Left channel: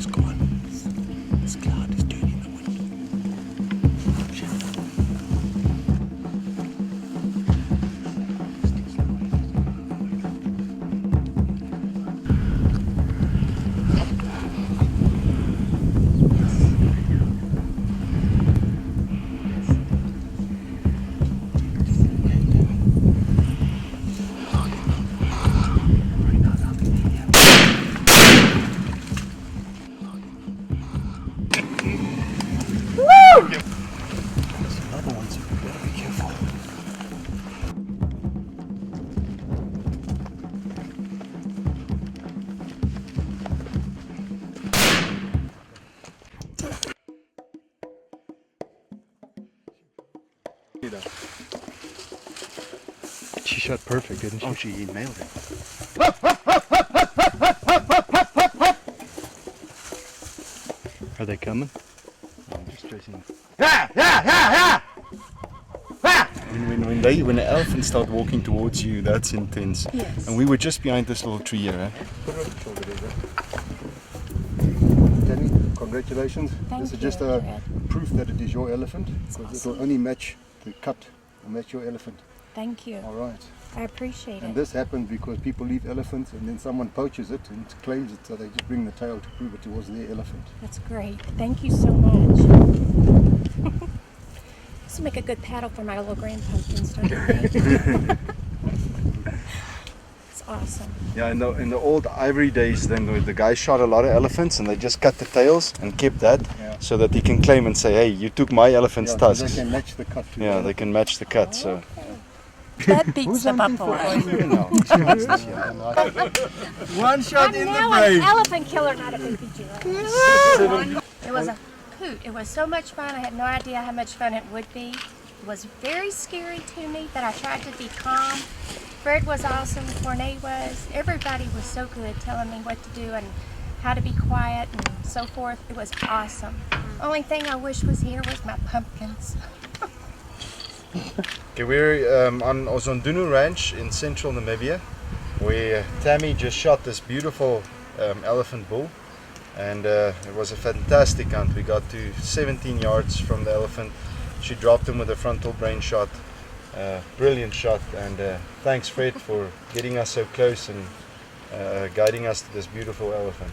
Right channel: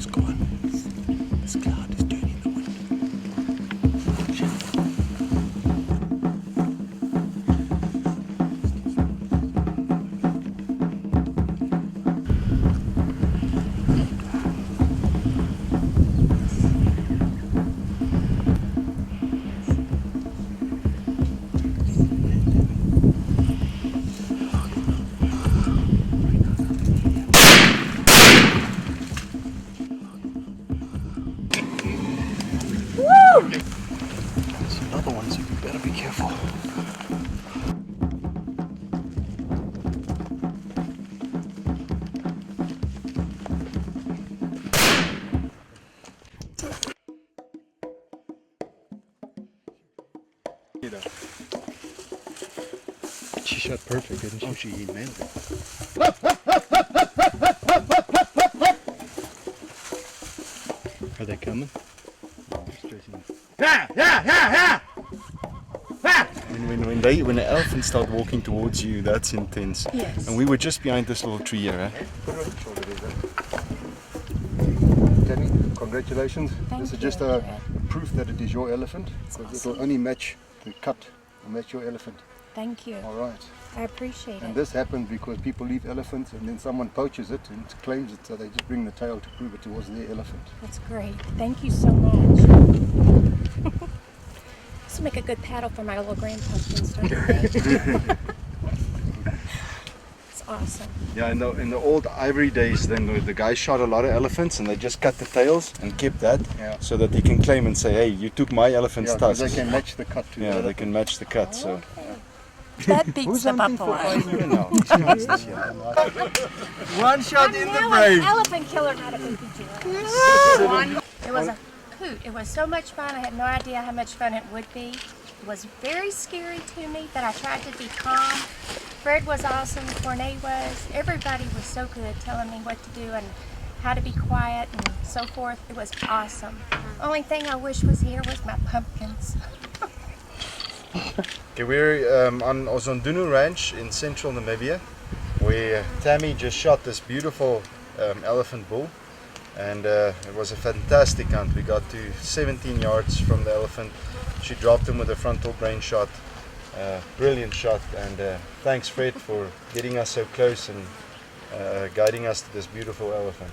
is gone. This cloud is turning the wind. Shit. There's another one, so you better be careful. She shot perfect, didn't she? Oh, she nailed it. Are they coming? When the elephants start walking towards you, that's intense. Yes. And we were just behind this little tree here. Eh? Put it on the shoulder there. Tammie, congratulations. Thank This is you, just a Fred. proof that it is your elephant, because it will only match the cut, will match your elephant. Thank you. All right. I appreciate And it. this happens because people leave elephants and then someone poaches it and claims it, so they just bring the tail to prove it was their elephant. That's great. Thank you so much. This will make a good paddle for my little grand pumpkins, don't you think? It's awesome. Yeah, in the old ivory days, then the guy shot a lot of elephants and they just cut the tails and kept that, Yeah. so that he can claim and say, hey, you took my elephant's Yeah, 'cause tusks. they can match the cut to Yeah, they can match the cut. So Okay. That beats the buffalo. one shot I'm now an elephant killer, not a baby giraffe. It was a hoot. It was so much fun. I had no idea how much fun it would be. It was very scary to me, but I tried to be calm. Fred was awesome. CORNE was. Everybody was so good telling me what to do and how to be quiet and so forth. It was awesome. Only thing I wish was here was my pumpkins. okay, we're on Ozondunu Ranch in central Namibia, where Tammie just shot this beautiful elephant bull, and it was a fantastic hunt. We got to 17 yards from the elephant. She dropped him with a frontal brain shot. Brilliant shot, and thanks Fred for getting us so close and guiding us to this beautiful elephant.